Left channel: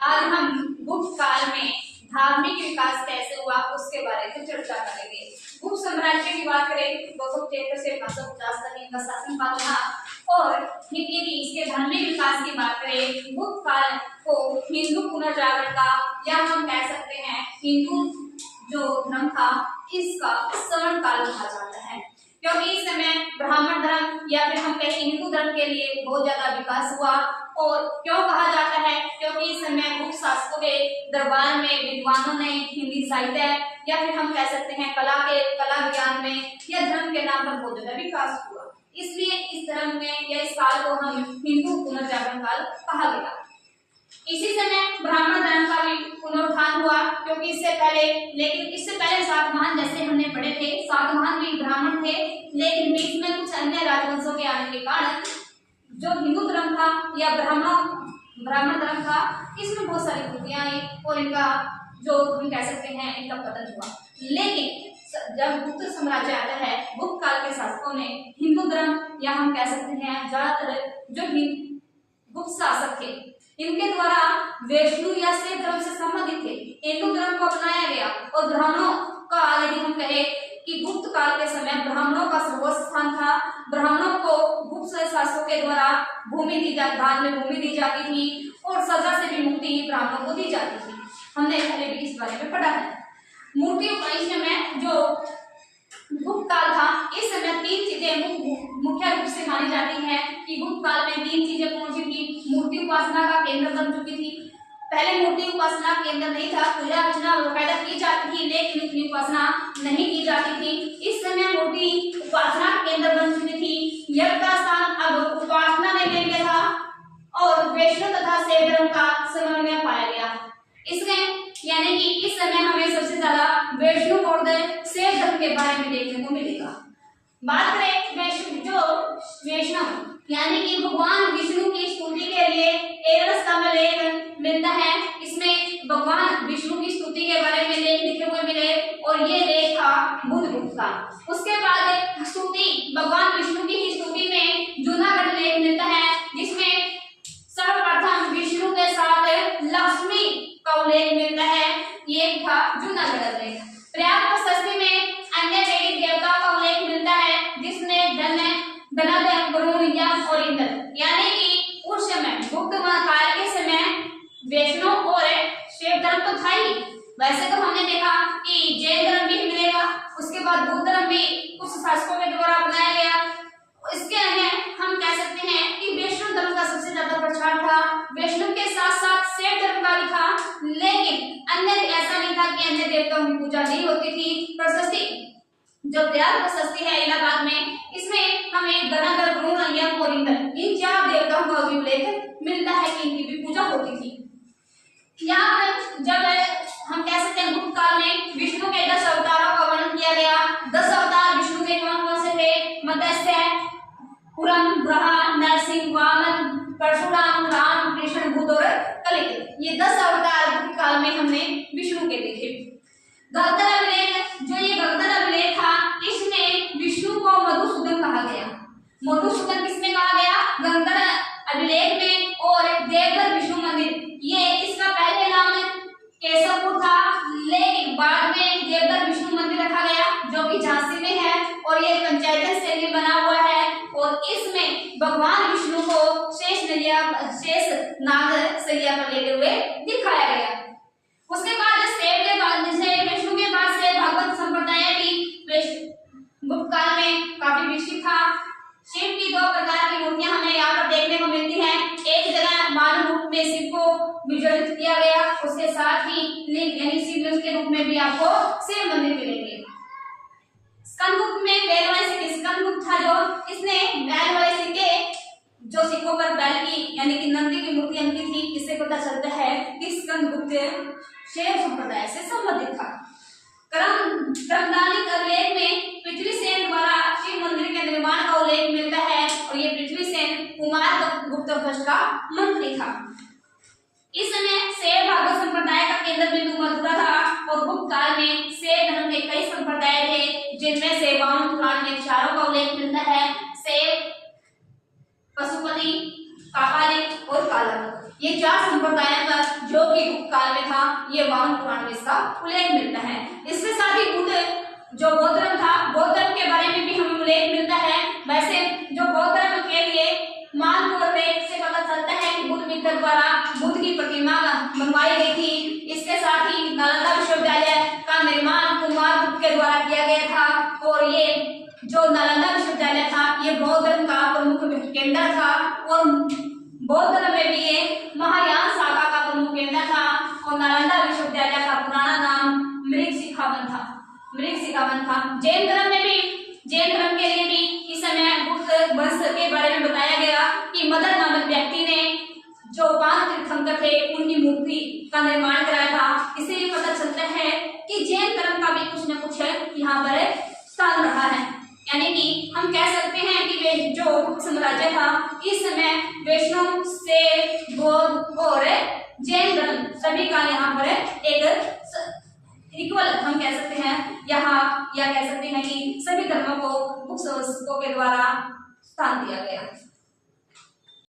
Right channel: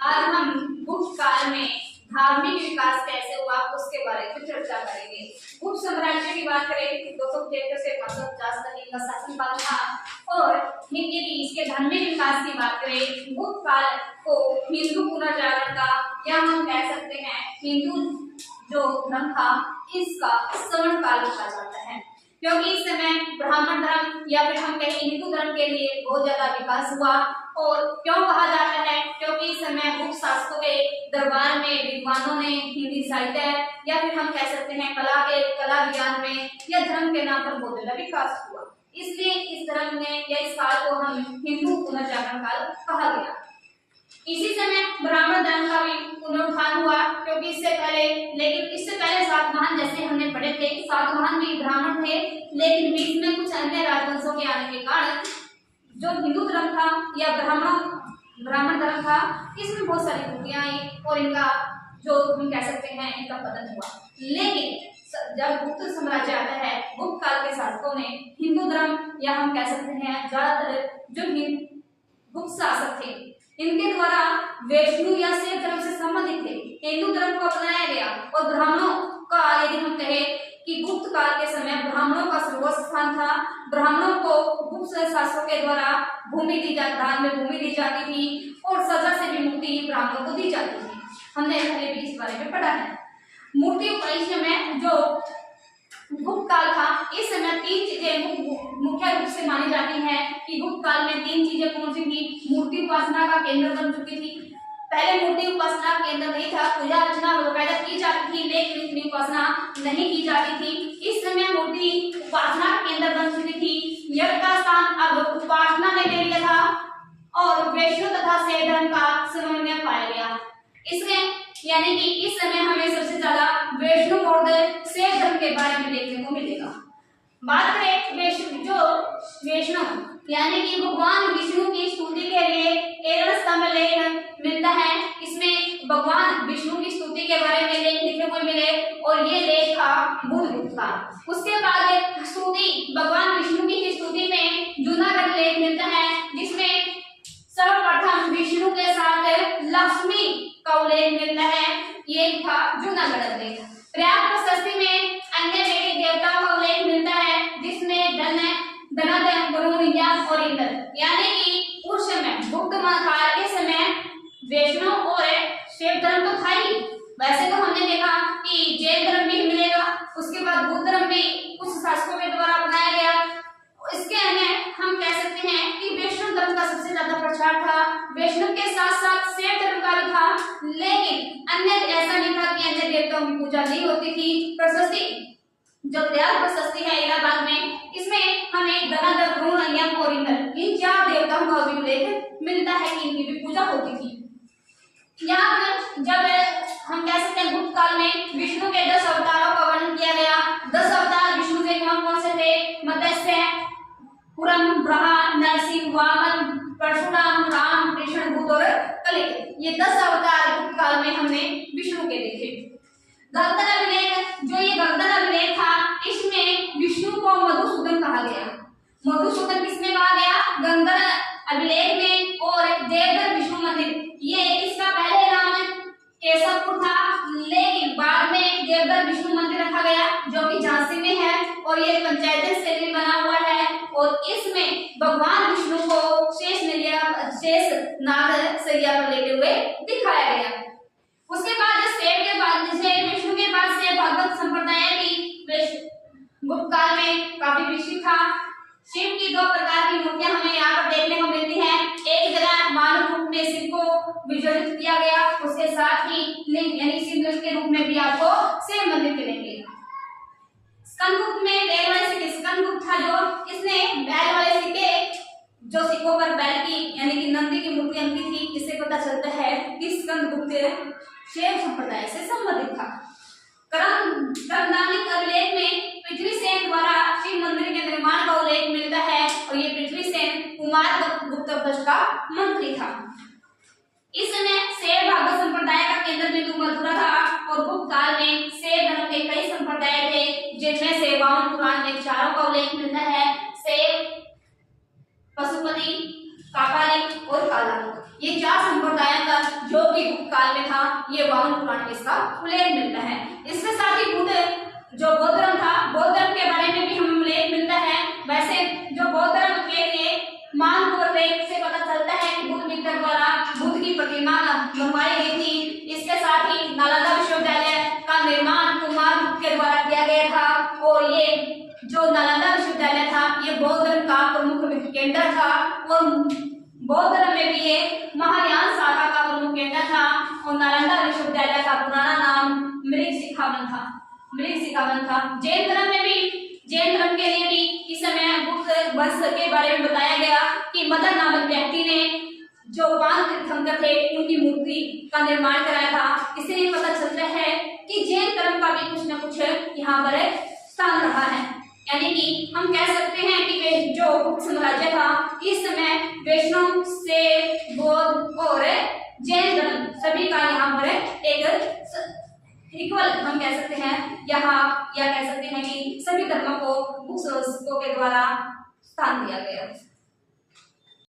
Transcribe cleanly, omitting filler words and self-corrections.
आज हम गुप्त काल में धार्मिक विकास कैसे हुआ उसके बारे में चर्चा करेंगे। गुप्त साम्राज्य की बात करें तो 273 से 550 तक इनका शासनकाल था। और यदि इसके धार्मिक विकास की बात करें, गुप्त काल को हिंदू पुनर्जागरण का या हम कह सकते हैं हिंदू जो धर्म था इसका स्वर्ण काल कहा जाता है, क्योंकि इस समय ब्राह्मण धर्म या फिर हम कहें हिंदू धर्म के लिए बहुत ज्यादा विकास हुआ। और क्यों कहा जाता है, क्योंकि इस समय गुप्त शासकों के दरबार में विद्वानों ने हिंदी साहित्य या फिर हम कह सकते हैं कला विज्ञान में या धर्म के नाम पर बहुत ज्यादा विकास हुआ। इसलिए इस धर्म में या इस काल को हम हिंदू पुनर्जागरण काल कहा गया। इसी समय ब्राह्मण धर्म का भी पुनरुत्थान हुआ, क्योंकि इससे पहले सातवाहन जैसे हमने पढ़े थे, सातवाहन भी ब्राह्मण थे, लेकिन बीच में कुछ अन्य राजवंशों के आने के कारण जो हिंदू धर्म था या ब्राह्मण धर्म था इसमें बहुत सारी त्रुटियां आई और इनका जो हम कह सकते हैं इनका पतन हुआ। लेकिन जब गुप्त साम्राज्य आता है, गुप्त काल के शासकों ने हिंदू धर्म या हम कह सकते हैं ज्यादातर जो गुप्त शासक थे इनके द्वारा वैष्णव या शैव धर्म से संबंधित थे, हिंदू धर्म को अपनाया गया। और ब्राह्मणों का यदि हम कहें कि गुप्त काल के समय ब्राह्मणों का सर्वोच्च स्थान था। ब्राह्मणों को गुप्त शासकों के द्वारा भूमि दी जाती, दान में भूमि दी जाती थी और सजा से भी मुक्ति ब्राह्मणों को दी जाती थी। हमने पहले भी इस बारे में पढ़ा है। मूर्ति उपासना में जो गुप्त काल था इस समय तीन चीजें मुख्य रूप से मानी जाती हैं कि गुप्त काल में तीन चीजें कौन सी थी। मूर्ति उपासना का केंद्र बन चुकी थी। पहले मूर्ति उपासना केंद्र नहीं था, पूजा अर्चना वगैरह की जाती थी, लेकिन इतनी उपासना नहीं की जाती थी। इस समय मूर्ति उपासना का केंद्र बन चुकी थी। यज्ञ का स्थान अब उपासना ने ले लिया था और वैष्णव तथा शैव धर्म का समन्वय पाया गया। इसमें यानी कि इस समय हमें सबसे ज्यादा वैष्णव और शैव धर्म के बारे में देखने को मिलेगा। बात करें वैष्णव यानी कि भगवान विष्णु की स्तुति के लिए एक में लेख मिलता है। इसमें भगवान विष्णु की स्तुति के बारे में लेख लिखे हुए मिले और ये लेख था बुद्धगुप्त का। उसके बाद स्तुति भगवान विष्णु की स्तुति में जूनागढ़ लेख मिलता है, जिसमें सर्वप्रथम विष्णु के साथ लक्ष्मी का उल्लेख मिलता है। ये था जूनागढ़ लेख। प्रयाग प्रशस्ति में अन्य देवी देवताओं का उल्लेख मिलता है, जिसमें धनादय वरुण यम और इंद्र, यानी कि उस समय गुप्त काल के समय वैष्णव और शैव धर्म तो था ही। वैसे तो हमने देखा कि जैन धर्म भी मिलेगा, उसके बाद बुद्ध धर्म भी कुछ शासकों के द्वारा अपनाया गया। इसके अन्य हम कह सकते हैं कि वैष्णव धर्म का सबसे ज्यादा प्रचार था। वैष्णव के साथ साथ शैव धर्म का भी था, लेकिन अन्य ऐसा नहीं था कि अन्य देवताओं की पूजा नहीं होती थी। प्रशस्ति जो प्रयाग प्रशस्ति है इलाहाबाद में, इसमें हमें धनादय वरुण यम और इंद्र इन चार देवताओं का भी उल्लेख मिलता है कि इनकी भी पूजा होती थी। यहाँ पर जब हम कह सकते हैं गुप्त काल में विष्णु के 10 अवतारों का वर्णन किया गया। 10 अवतार विष्णु के कौन कौन से थे? मत्स्य, कुरम, ब्रह्मा, नरसिंह, वामन, परशुराम, राम, कृष्ण, बुद्ध और कलिक। ये 10 अवतार गुप्त काल में हमने विष्णु के देखे। गगधर अभिलेख, जो ये गगधर अभिलेख था, इसमें विष्णु को मधुसूदन कहा गया। मधुसूदन किसमें कहा गया? गगधर अभिलेख में। और देवघर विष्णु मंदिर, ये इसका पहले नाम केशवपुर था, लेकिन बाद में देवघर विष्णु मंदिर रखा गया, जो कि झांसी में है और ये पंचायत शैली में बना हुआ है। और इसमें भगवान विष्णु को शेष नाग सैया पर लेते हुए दिखाया गया। उसके बाद विष्णु के बाद से भगवत संप्रदाय भी गुप्त काल में काफी विकसित था। शिव की 2 प्रकार की मूर्तियां हमें यहाँ पर देखने को मिलती हैं। एक जगह मानव रूप में शिव को विजड़ित किया गया, उसके साथ ही लिंग यानी शिवलिंग के रूप में भी आपको शिव मंदिर मिलेंगे। स्कंदगुप्त में बैल वाले स्कंदगुप्त था, जो इसने बैल वाले सिक्के जो सिक्कों पर बैल की यानी कि नंदी की मूर्ति अंकित थी, इससे पता चलता है कि स्कंदगुप्त शैव संप्रदाय से संबंधित था। क्रमदानिक अभिलेख में पृथ्वीसेन द्वारा शिव मंदिर के निर्माण का उल्लेख मिलता है और ये पृथ्वीसेन कुमार गुप्त वंश का मंत्री था। इस समय शैव भागवत संप्रदाय का केंद्र बिंदु मथुरा था और गुप्त काल में शैव धर्म के कई संप्रदाय थे, जिनमें से 52 पुराण के विचारों का उल्लेख मिलता है। शैव, पशुपति, कापालिक और कालामुख। ये 4 संप्रदायों का जो कि गुप्त काल में था, ये वामन पुराण में इसका उल्लेख मिलता है। इसके साथ ही बुद्ध जो बौद्ध धर्म था, बौद्ध धर्म के बारे में भी हमें उल्लेख मिलता है। वैसे जो बौद्ध धर्म के लिए मानकोर लेख से पता चलता है कि बुद्ध मित्र द्वारा बुद्ध की प्रतिमा बनवाई गई थी। इसके साथ ही नालंदा विश्वविद्यालय का निर्माण कुमार गुप्त के द्वारा किया गया था और ये जो नालंदा विश्वविद्यालय था, ये बौद्ध धर्म का प्रमुख केंद्र था और बौद्ध धर्म में भी ये महायान शाखा का प्रमुख केंद्र था और नालंदा विश्वविद्यालय का पुराना नाम मृगशिखावन था। जैन धर्म में भी, जैन धर्म के लिए भी इस समय गुप्त वंश के बारे में बताया गया कि मदन नामक व्यक्ति ने जो 5 तीर्थंकर थे उनकी मूर्ति का निर्माण कराया था। इससे पता चलता है कि जैन धर्म का भी कुछ न कुछ यहाँ पर स्थान रहा है। यानी कि हम कह सकते हैं कि वे जो गुप्त साम्राज्य था, इस समय वैष्णव से बौद्ध और जैन धर्म सभी का यहाँ पर एक इक्वल हम कह सकते हैं यहाँ, या कह सकते हैं कि सभी धर्मों को गुप्त शासकों के द्वारा स्थान दिया गया।